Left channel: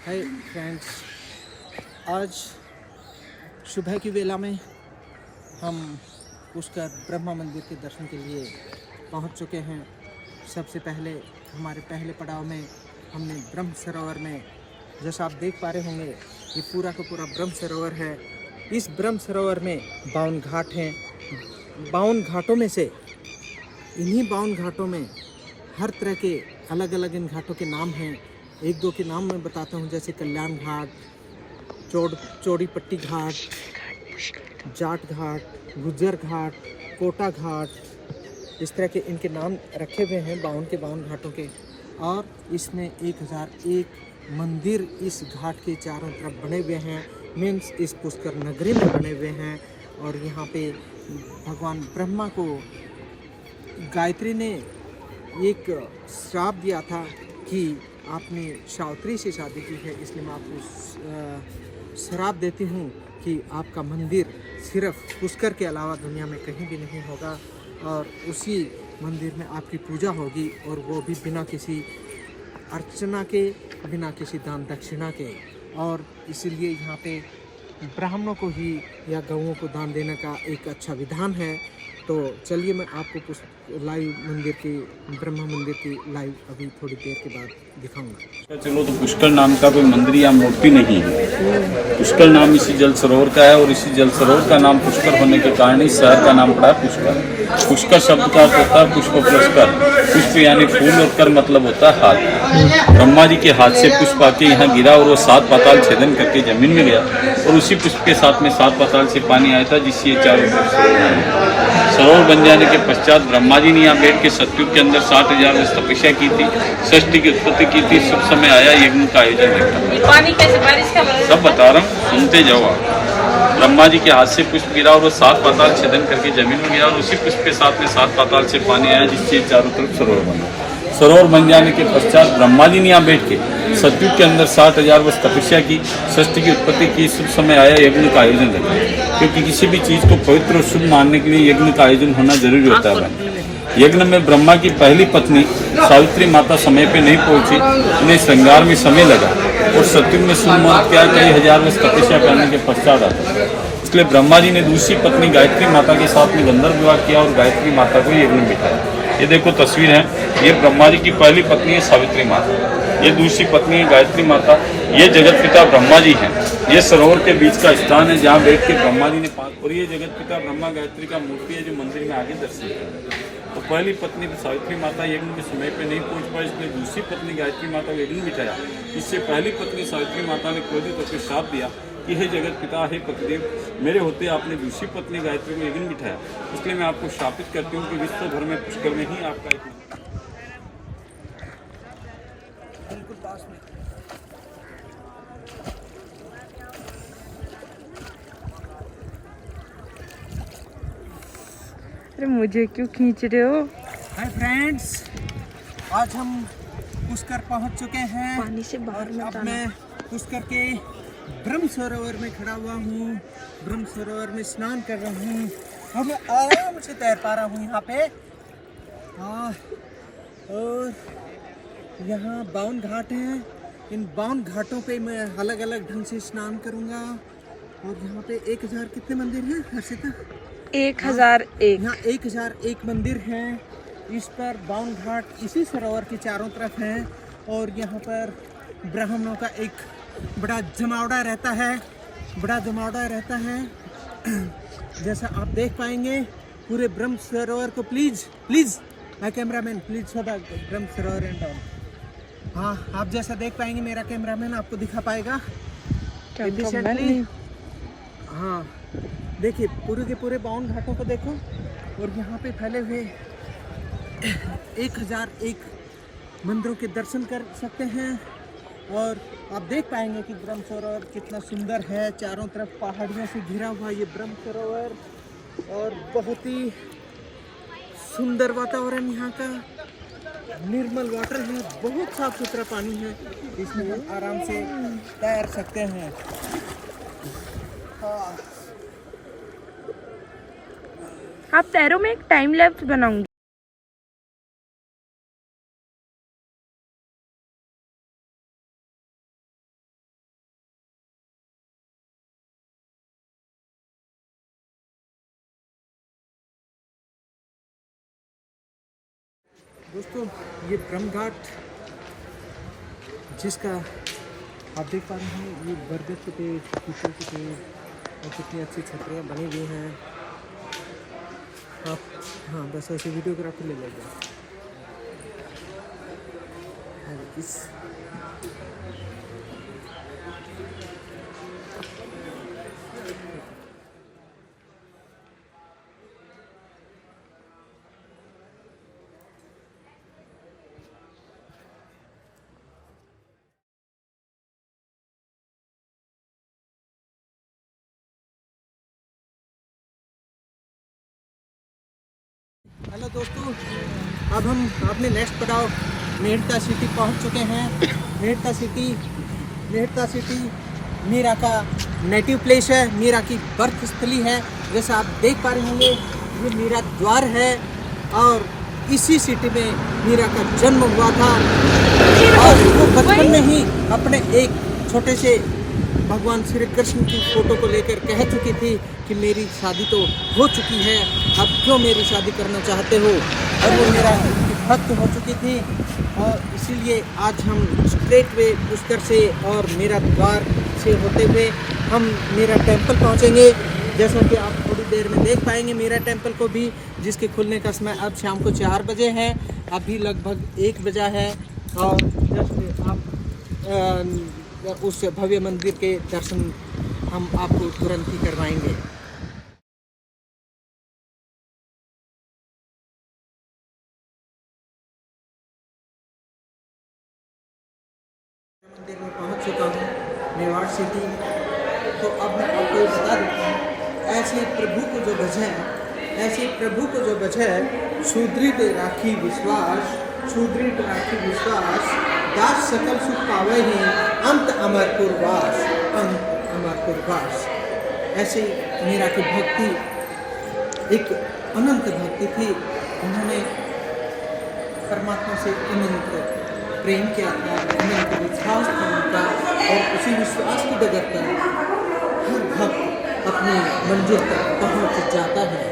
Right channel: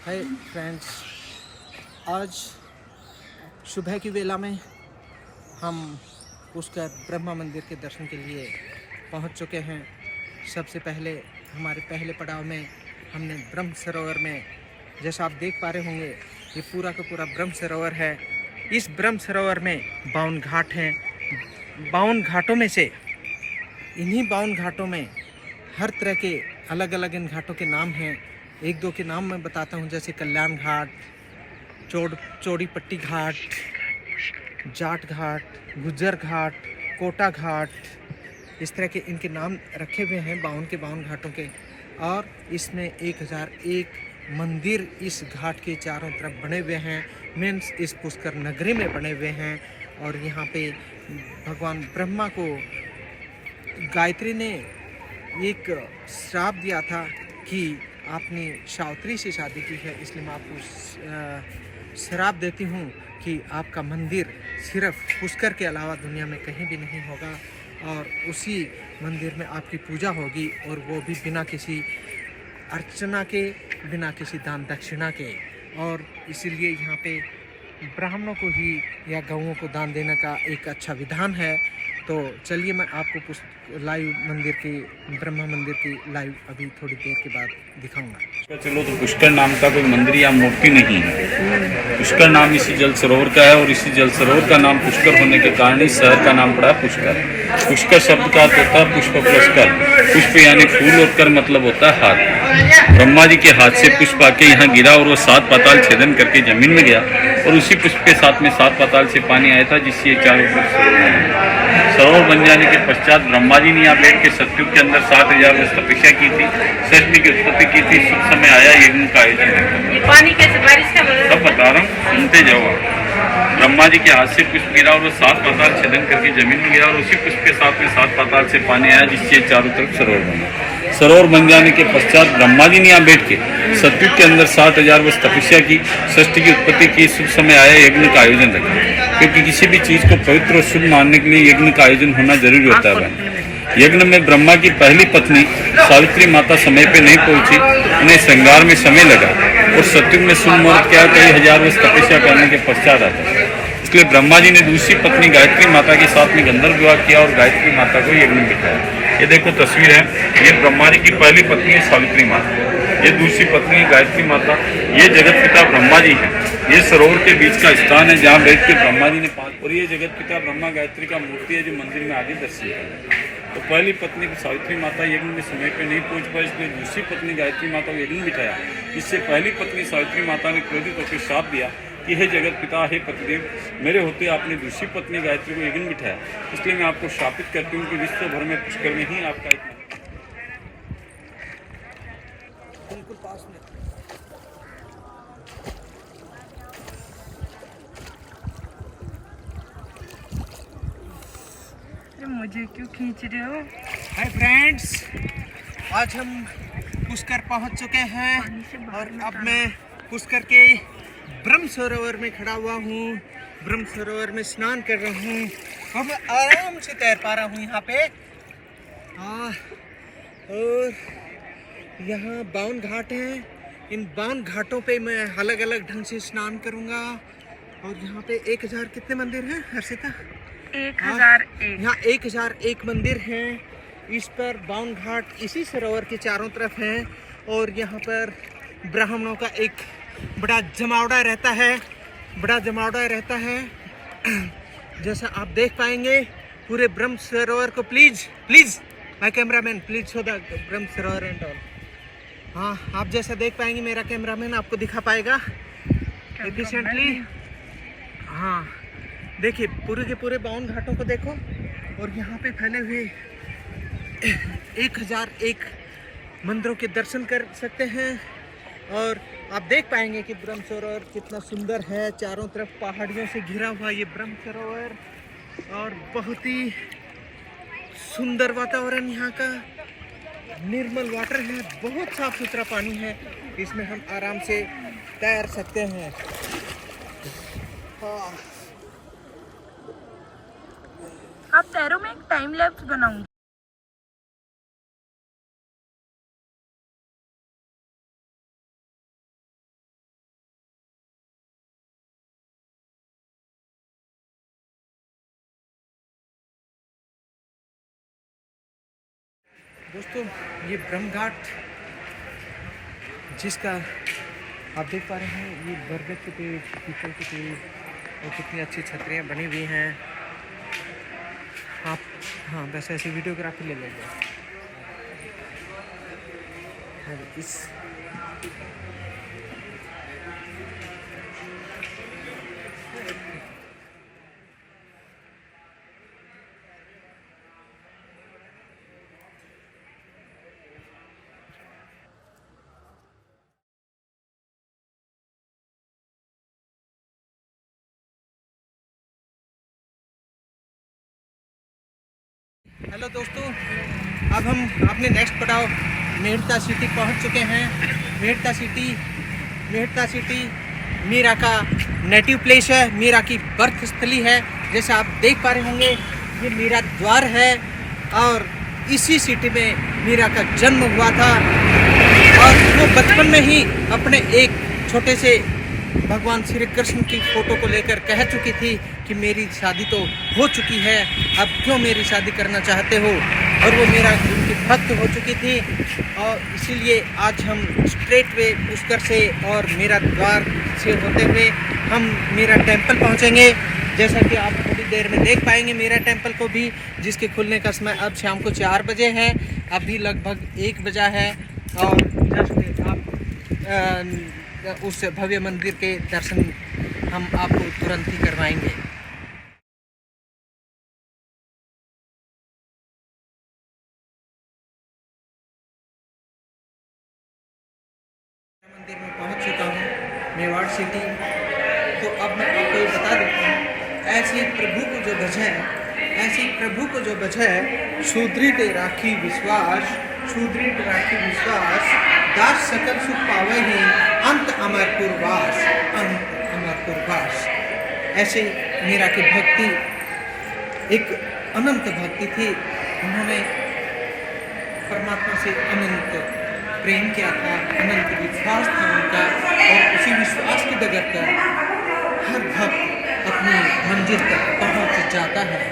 Hi friends, आज सुबह की वेला में हम पुष्कर ब्रह्मा मंदिर के दर्शन के लिए पहुंच चुके हैं। सबसे पहले हमारे पहले पड़ाव में हमने ब्रह्म सरोवर में, जैसा आप देख पा रहे होंगे, ये पूरा का पूरा ब्रह्म सरोवर है। इस ब्रह्म सरोवर में 52 घाट हैं। 52 घाटों में से इन्हीं 52 घाटों में हर तरह के अलग अलग इन घाटों के नाम हैं। एक दो के नाम मैं बताता हूँ, जैसे कल्याण घाट, चौड़ी पट्टी घाट, जाट घाट, गुज्जर घाट, कोटा घाट, इस तरह के इनके नाम रखे हुए हैं 52 के 52 घाटों के। और इसमें 1001 मंदिर इस घाट के चारों तरफ बने हुए हैं, मीन्स इस पुष्कर नगरी में बने हुए हैं। और यहाँ पे भगवान ब्रह्मा को गायत्री ने एक श्राप दिया था कि आपने सावित्री से शादी की है, इसलिए मैं आपको श्राप देती हूँ कि आपका मंदिर सिर्फ पुष्कर के अलावा दुनिया में कहीं भी नहीं होगा, और उसी मंदिर में आपकी पूजा होगी, और वो भी बिना किसी अर्चना के, बिना किसी दान दक्षिणा के। और इसीलिए यहाँ पे ब्राह्मणों को ही या गौओं को दान देने का एक अच्छा विधान है। तो चलिए मैं आपको लाइव मंदिर की, ब्रह्मा मंदिर की लाइव अभी थोड़ी देर के बाद दिखाऊंगा। चलो, तो पुष्कर नाम का कोई मंदिर या मूर्ति नहीं है। पुष्कर नाम इसी जल सरोवर का है, और इसी जल सरोवर का नाम पुष्कर होने के कारण इस शहर का नाम पड़ा पुष्कर। पुष्कर शब्द का अर्थ होता है पुष्प प्लस कर। पुष्प यानी फूल, और कर मतलब होता है हाथ। ब्रह्मा जी के हाथ से पुष्प आके यहाँ गिरा, और वो 7 पाताल छेदन करके जमीन में गया, और उसी पुष्प के साथ में 7 पाताल से पानी आया था, जिससे ये चारों सरोवर बन जाने के पश्चात ब्रह्मा जी ने यहाँ बैठ के सतयुग के अंदर 7000 वर्ष तपस्या की थी, सृष्टि की उत्पत्ति की थी। सब समय आया यज्ञ का आयोजन देखा। ये पानी कैसे बारिश का सब बता रहा हूँ, सुनते जाओ आप। ब्रह्मा जी के हाथ से पुष्प गिरा, और वो 7 पाताल छेदन करके जमीन में गिरा, और उसी पुष्प के साथ में 7 पाताल से पानी आया, जिससे चारों तरफ सरोवर बना। सरोवर बन जाने के पश्चात ब्रह्मा जी ने यहाँ बैठ के सतयुग के अंदर 7000 वर्ष तपस्या की, सृष्टि की उत्पत्ति की। शुभ समय आया यज्ञ का आयोजन रखा, क्योंकि किसी भी चीज को पवित्र और शुभ मानने के लिए यज्ञ का आयोजन होना जरूरी होता है। यज्ञ में ब्रह्मा की पहली पत्नी सावित्री माता समय पे नहीं पहुंची, उन्हें श्रृंगार में समय लगा, और सतयुग में शुभ मुहूर्त क्या करीब 1000 वर्ष तपस्या करने के पश्चात आता है। इसलिए ब्रह्मा जी ने दूसरी पत्नी गायत्री माता के साथ में गंधर्व विवाह किया, और गायत्री माता को यज्ञ में बिठाया। ये देखो तस्वीर है, ये ब्रह्मा जी की पहली पत्नी है सावित्री माता, ये दूसरी पत्नी है गायत्री माता। ये जगत पिता ब्रह्मा जी हैं। ये सरोवर के बीच का स्थान है जहाँ बैठ के ब्रह्मा जी ने और ये जगत पिता ब्रह्मा गायत्री का मूर्ति है, जो मंदिर में आगे दर्शित है। तो पहली पत्नी सावित्री माता यज्ञ में समय पे नहीं पहुंच पाई, इसलिए दूसरी पत्नी गायत्री माता को यज्ञ में बिठाया। इससे पहली पत्नी सावित्री माता ने क्रोधित होकर श्राप दिया कि हे जगत पिता, हे पतिदेव, मेरे होते आपने दूसरी पत्नी गायत्री को यज्ञ में बिठाया, इसलिए मैं आपको शापित करती हूँ कि विश्व भर में पुष्कर में ही आपका एक बिल्कुल पास में। अरे मुझे क्यों खींच रहे हो? हाय फ्रेंड्स, आज हम पुष्कर पहुंच चुके हैं, पानी से बाहर और मत अब आना। मैं पुष्कर के ब्रह्म सरोवर में खड़ा हुआ हूँ। ब्रह्म सरोवर में स्नान कर रहा हूँ, और मैं आराम से तैर पा रहा हूँ यहाँ पे। और यहाँ 52 घाट हैं। इन 52 घाटों पे मैं अलग अलग ढंग से स्नान करूँगा। और यहाँ पे 1000 कितने मंदिर हैं हर्षिता? 1001। यहाँ 1001 मंदिर हैं। इस पर 52 घाट इसी सरोवर के चारों तरफ हैं, और यहाँ पर ब्राह्मणों का एक बड़ा जमावड़ा रहता है। जैसा आप देख पाएंगे पूरे ब्रह्म सरोवर को। Please my cameraman, please show the Brahma Sarovar and all. हाँ, आप जैसा देख पाएंगे, मेरा कैमरामैन आपको दिखा पाएगा एफिशिएंटली। हाँ, देखिए पूरे के पूरे 52 घाटों को देखो, और यहाँ पे फैले हुए 1001 मंदिरों के दर्शन कर सकते हैं। और आप देख पाएंगे कि ब्रह्म सरोवर कितना सुंदर है। चारों तरफ पहाड़ियों से घिरा हुआ ये ब्रह्म सरोवर, और बहुत ही सुंदर वातावरण यहाँ का। निर्मल वाटर है, बहुत साफ सुथरा पानी है, इसमें हम आराम से तैर सकते हैं। आप तैरो में एक टाइम लैप्स बनाऊंगी। दोस्तों ये ब्रह्म घाट जिसका आप देख पा रहे हैं, ये बरगद के पेड़, पीपल के पेड़ और कितनी अच्छी छतरियाँ बनी हुई हैं। आप हाँ बस ऐसी वीडियोग्राफी ले लेंगे। इस हेलो दोस्तों, अब हम अपने नेक्स्ट पड़ाव मेहता सिटी पहुंच चुके हैं। मेहता सिटी मीरा का नेटिव प्लेस है, मीरा की बर्थ स्थली है। जैसा आप देख पा रहे होंगे, ये मीरा द्वार है और इसी सिटी में मीरा का जन्म हुआ था। और वो बचपन में ही अपने एक छोटे से भगवान श्री कृष्ण की फोटो को लेकर कह चुकी थी कि मेरी शादी तो हो चुकी है, अब क्यों मेरी शादी करना चाहते हो। और वो मेरा उनकी भक्त हो चुकी थी और इसीलिए आज हम स्ट्रेट वे पुष्कर से और मेरा द्वार से होते हुए हम मेरा टेंपल पहुंचेंगे। जैसा कि आप थोड़ी देर में देख पाएंगे मेरा टेंपल को भी, जिसके खुलने का समय अब शाम को 4 बजे है। अभी लगभग 1 बजा है और जस्ट आप उस भव्य मंदिर के दर्शन हम आपको तुरंत ही करवाएंगे। मंदिर में पहुंच चुका हूं, मेवाड़ सिटी। तो अब मैं आपको ये बता देता हूँ, ऐसे प्रभु को जो बझे सुदृढ़ राखी विश्वास, दास सकल सुख पावे ही, अंत अमर पुरवास। ऐसे मीरा की भक्ति एक अनंत भक्ति थी। उन्होंने परमात्मा से अनंत प्रेम किया था, अनंत विश्वास था उनका। और उसी विश्वास की डगर पर हर भक्त अपनी मंजिल तक पहुंच जाता है।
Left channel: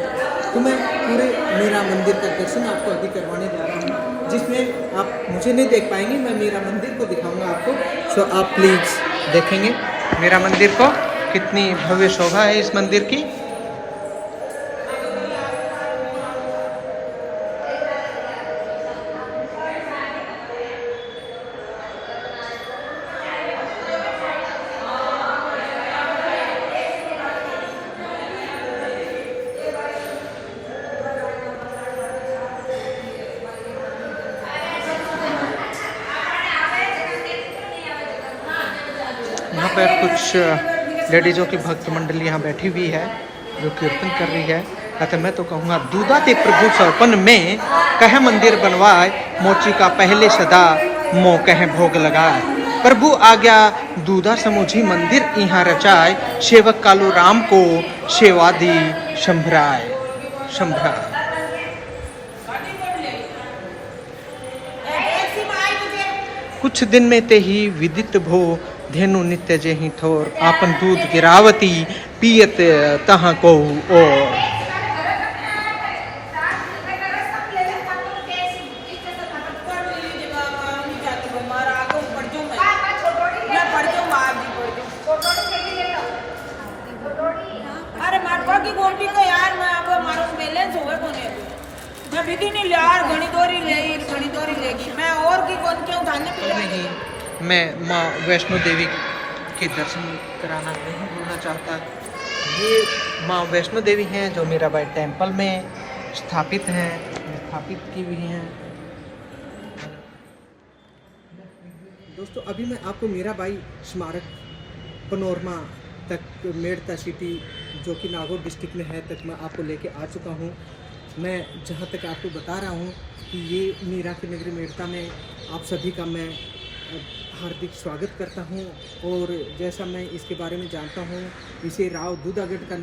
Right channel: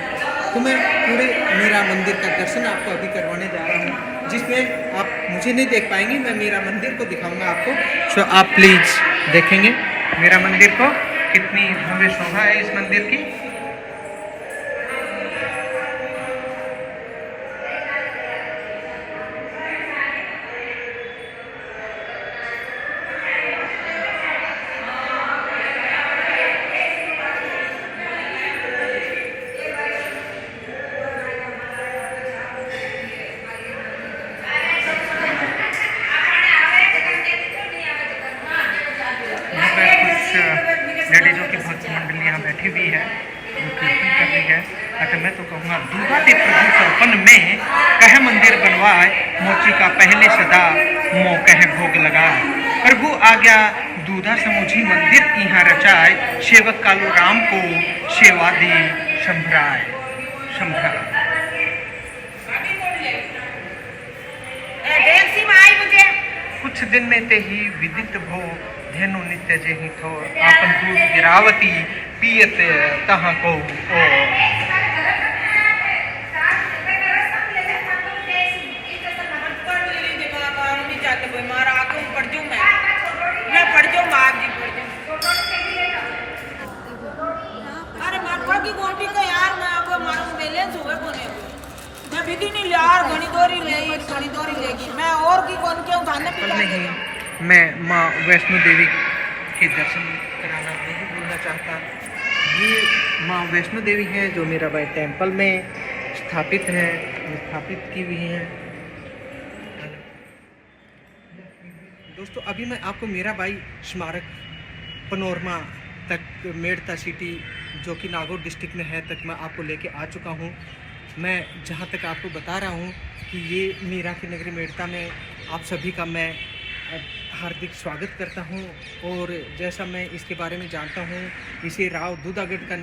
तो मैं पूरे मेरा मंदिर का दर्शन आपको अभी करवाने जा रहा हूँ, जिसमें आप मुझे नहीं देख पाएंगे, मैं मेरा मंदिर को दिखाऊंगा आपको। सो आप प्लीज़ देखेंगे मेरा मंदिर को, कितनी भव्य शोभा है इस मंदिर की। यहाँ पर कुछ लेडीज़ों की भक्त मंडली यहाँ बैठी हुई है जो कीर्तन कर रही है। अतः मैं तो कहूँगा, दूधा ते प्रभु सौपन में कह मंदिर बनवाए, मोची का पहले सदा मो कह भोग लगाए। प्रभु आज्ञा दूधा समूझी मंदिर यहाँ रचाए, सेवक कालू राम को सेवा दी संभराए। कुछ दिन में ते ही विदित भो, धेनु नित्य जेहि थोर, आपन दूध गिरावती पियत तहाँ को और। अरे मारवा की गोल्टी का यार, मैं आपको मारूं बैलेंस होवे कोने मैं बिकी नहीं यार, घणी दोरी लेगी मैं और की कौन क्यों खाने पी नहीं, मैं माँ वैष्णो देवी के दर्शन कराना नहीं भूलना चाहता। ये माँ वैष्णो देवी हैं जो मीराबाई टेम्पल में स्थापित की हुई हैं। दोस्तों अभी मैं आपको मीराबाई स्मारक पनोरमा तक, मेड़ता सिटी जो कि नागौर डिस्ट्रिक्ट में है, तक मैं आपको लेके आ चुका हूँ। मैं जहाँ तक आपको बता रहा हूँ कि ये मीरा की नगरी मेड़ता में आप सभी का मैं हार्दिक स्वागत करता हूँ। और जैसा मैं इसके बारे में जानता हूँ, इसे राव दूधागढ़ का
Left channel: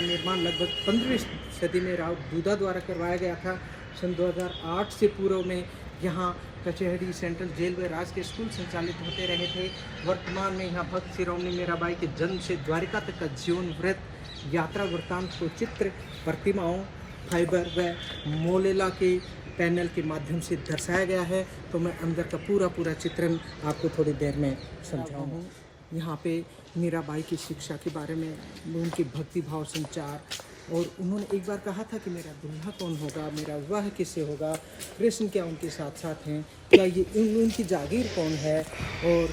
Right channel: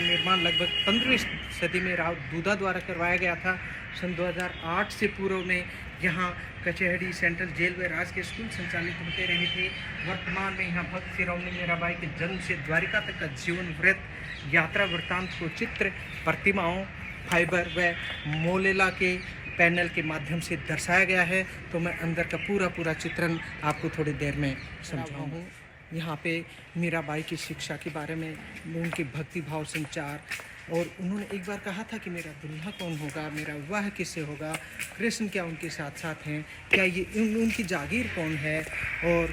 निर्माण लगभग 15वीं सदी में राव दूधा द्वारा करवाया गया था। सन 2008 से पूर्व में यहाँ कचहरी, सेंट्रल जेल व राज के स्कूल संचालित होते रहे थे। वर्तमान में यहाँ भक्त शिरोमणि मीराबाई के जन्म से द्वारिका तक का जीवन व्रत, यात्रा वृत्तांत को चित्र, प्रतिमाओं, फाइबर व मोलेला के पैनल के माध्यम से दर्शाया गया है, तो मैं अंदर का पूरा चित्रण आपको थोड़ी देर में समझाऊँ। यहाँ पे मीराबाई की शिक्षा के बारे में, उनके भक्ति भाव संचार, और उन्होंने एक बार कहा था कि मेरा दुल्हा कौन होगा, मेरा विवाह किससे होगा, कृष्ण क्या उनके साथ साथ हैं, क्या ये उनकी जागीर कौन है, और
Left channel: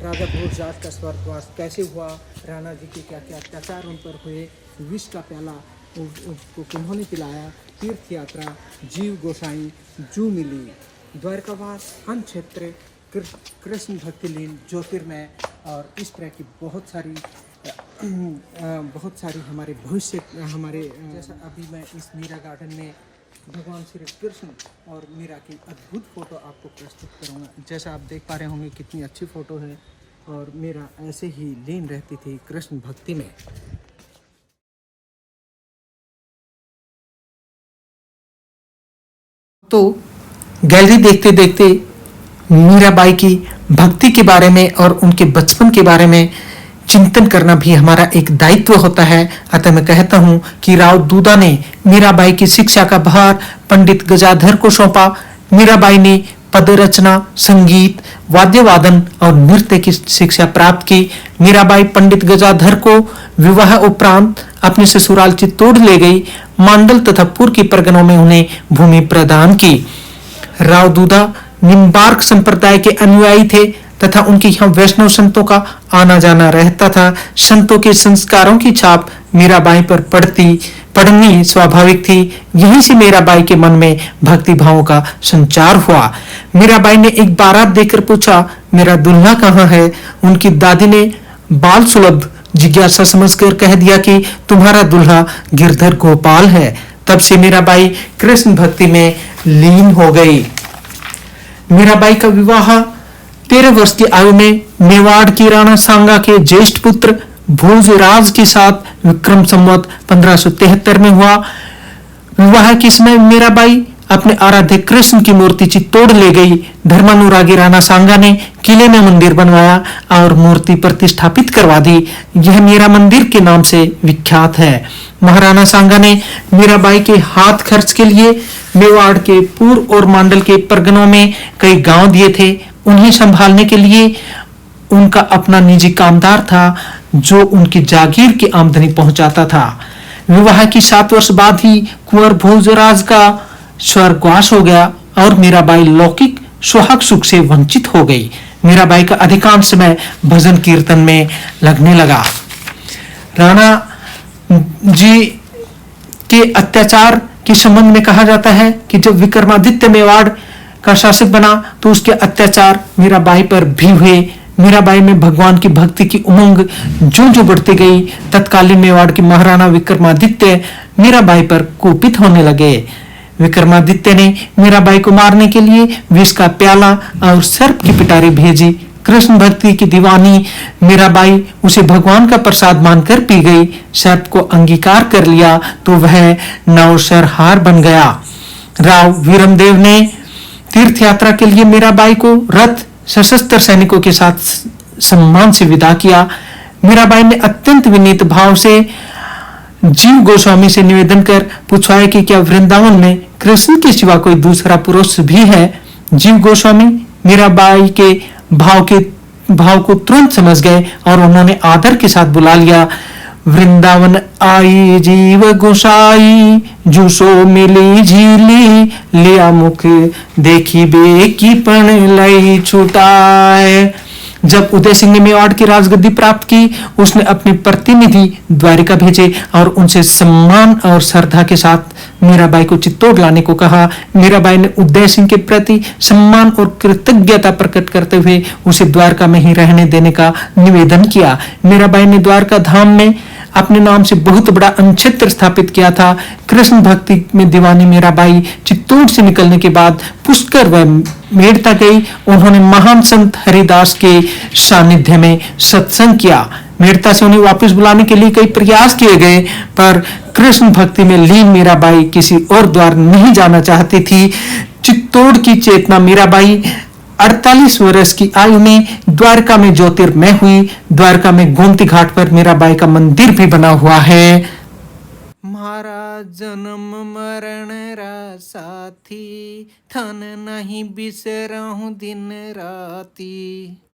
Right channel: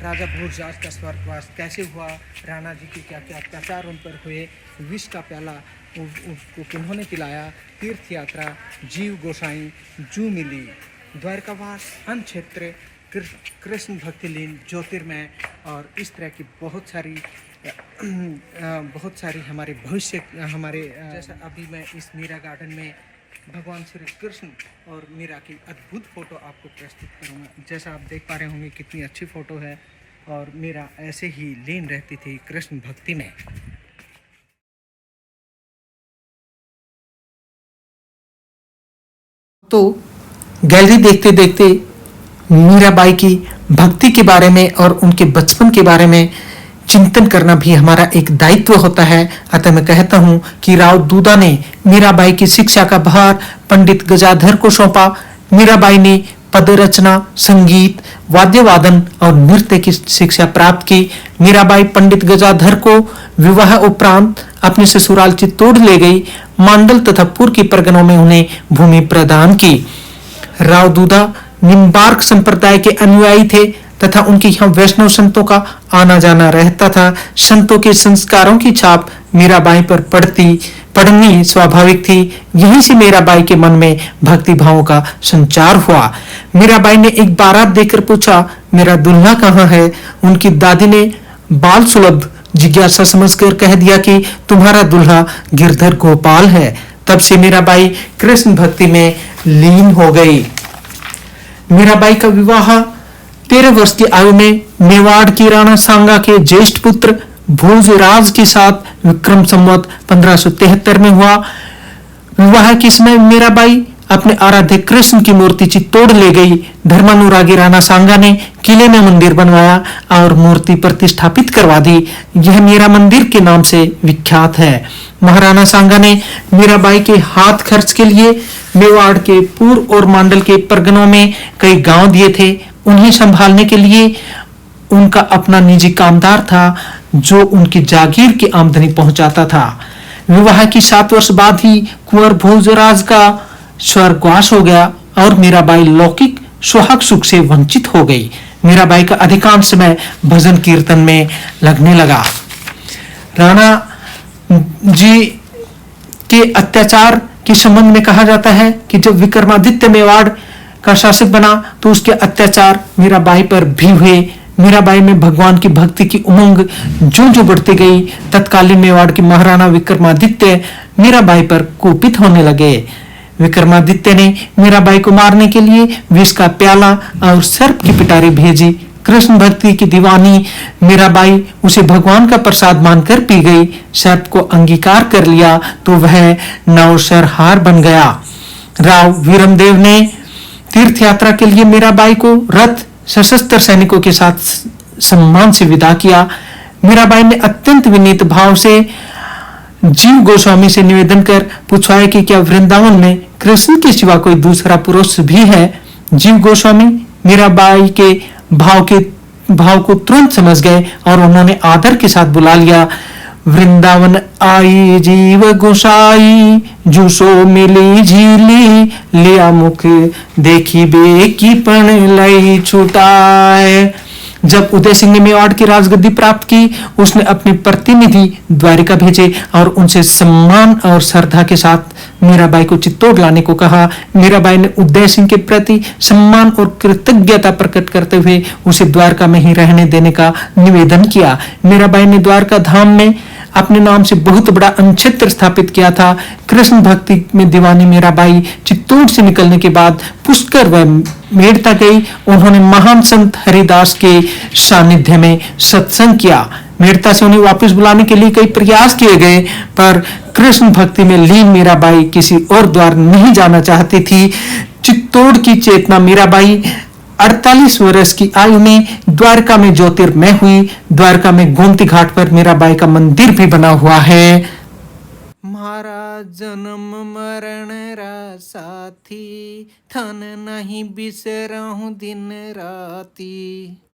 राजा भोजराज का स्वर्गवास कैसे हुआ, राणा जी के क्या क्या अत्याचार उन पर हुए, विष का प्याला उसको किन्होंने पिलाया, तीर्थ यात्रा, जीव गोसाई, जू मिली, द्वारकावास, अनक्षेत्र, कृष्ण भक्ति लीन, ज्योतिर्मय, और इस तरह की बहुत सारी हमारे भविष्य हमारे जैसा अभी मैं इस मीरा गार्डन में भगवान श्री कृष्ण और मीरा की अद्भुत फ़ोटो आपको प्रस्तुत करूँगा। जैसा आप देख पा रहे होंगे कितनी अच्छी फ़ोटो है, और मीरा ऐसे ही लीन रहती थी कृष्ण भक्ति में। तो गैलरी देखते देखते मीराबाई की भक्ति के बारे में और उनके बचपन के बारे में चिंतन करना भी हमारा एक दायित्व होता है। अतः मैं कहता हूं कि राव दूदा ने मीराबाई की शिक्षा का भार पंडित गजाधर को सौंपा। मीराबाई ने पद रचना, संगीत, वाद्य वादन और नृत्य की शिक्षा प्राप्त की। मीराबाई पंडित गजाधर को विवाह उपरांत अपने ससुराल चित्तौड़ ले गई। मांडल तथा पूर्व की परगनों में उन्हें भूमि प्रदान की। राव दूदा निम्बार्क संप्रदाय के अनुयायी थे तथा उनके यहाँ वैष्णव संतों का आना जाना रहता था। संतों के संस्कारों की छाप मीराबाई पर पड़नी स्वाभाविक थी। यहीं से मीराबाई के मन में भक्ति भावों का संचार हुआ। मीराबाई ने एक बारात देकर पूछा, मेरा दुल्हा कहाँ है? उनकी दादी ने बाल सुलभ जिज्ञासा समझकर कह दिया कि तुम्हारा दुल्हा गिरधर गोपाल है। तब से मीराबाई कृष्ण भक्ति में लीन हो गई। मीराबाई का विवाह 13 वर्ष की आयु में मेवाड़ की राणा सांगा के ज्येष्ठ पुत्र भोजराज के साथ विक्रम संवत 1573 में हुआ। विवाह के समय मीराबाई अपने आराध्य कृष्ण की मूर्ति चित्तौड़ ले गई। धर्मानुरागी राणा सांगा ने किले में मंदिर बनवाया और मूर्ति प्रतिष्ठापित करवा दी। यह मीरा मंदिर के नाम से विख्यात है। महाराणा सांगा ने मीराबाई के हाथ खर्च के लिए मेवाड़ के पूर्व और मांडल के परगनों में कई गांव दिए थे। उन्हें संभालने के लिए उनका अपना निजी कामदार था जो उनकी जागीर की आमदनी पहुंचाता था। विवाह की 7 वर्ष बाद ही कुंवर भोजराज का स्वर्गवास हो गया और मीराबाई लौकिक सुहाग सुख से वंचित हो गई। मीराबाई का अधिकांश समय भजन कीर्तन में लगने लगा। राणा जी के अत्याचार के संबंध में कहा जाता है कि जब विक्रमादित्य मेवाड़ का शासक बना तो उसके अत्याचार मीराबाई पर भी हुए। मीराबाई में भगवान की भक्ति की उमंग जो बढ़ती गई, तत्कालीन मेवाड़ के महाराणा विक्रमादित्य मीराबाई पर कुपित होने लगे। विक्रमादित्य ने मीराबाई को मारने के लिए विष का प्याला और सर्प की पिटारी भेजी। कृष्ण भक्ति की दीवानी मीराबाई उसे भगवान का प्रसाद मानकर पी गई। सर्प को अंगीकार कर लिया तो वह नौशरहार बन गया। राव वीरमदेव ने तीर्थ यात्रा के लिए मीराबाई को रथ सशस्त्र सैनिकों के साथ सम्मान से विदा किया। मीराबाई ने अत्यंत विनीत भाव से जीव गोस्वामी से निवेदन कर पूछा कि क्या वृंदावन में कृष्ण के सिवा कोई दूसरा पुरुष भी है? जीव गोस्वामी मीराबाई के भाव को तुरंत समझ गए और उन्होंने आदर के साथ बुला लिया। वृंदावन आई जीव गोसाई, जूसो मिली झीली, लिया मुख देखी बे की पण लई छुटाए। जब उदय सिंह ने मेवाड़ की राजगद्दी प्राप्त की, उसने अपने प्रतिनिधि द्वारिका भेजे और उनसे सम्मान और श्रद्धा के साथ मीराबाई को चित्तौड़ लाने को कहा। मीराबाई ने उदय सिंह के प्रति सम्मान और कृतज्ञता प्रकट करते हुए उसे द्वारका में ही रहने देने का निवेदन किया। मीराबाई ने द्वारका धाम में अपने नाम से बहुत बड़ा अनक्षेत्र स्थापित किया था। कृष्ण भक्ति में दीवानी मीराबाई चित्तौड़ से निकलने के बाद पुष्कर व मेड़ता गई। उन्होंने महान संत हरिदास के सानिध्य में सत्संग किया। मेड़ता से उन्हें वापस बुलाने के लिए कई प्रयास किए गए, पर कृष्ण भक्ति में लीन मीराबाई किसी और द्वार नहीं जाना चाहती थी। चित्तौड़ की चेतना मीराबाई 48 वर्ष की आयु में द्वारका में ज्योतिर्मय हुई। द्वारका में गोमती घाट पर मीराबाई का मंदिर भी बना हुआ है। महाराज जन्म मरण रा साथी, थन नहीं बिसरहूं दिन राती।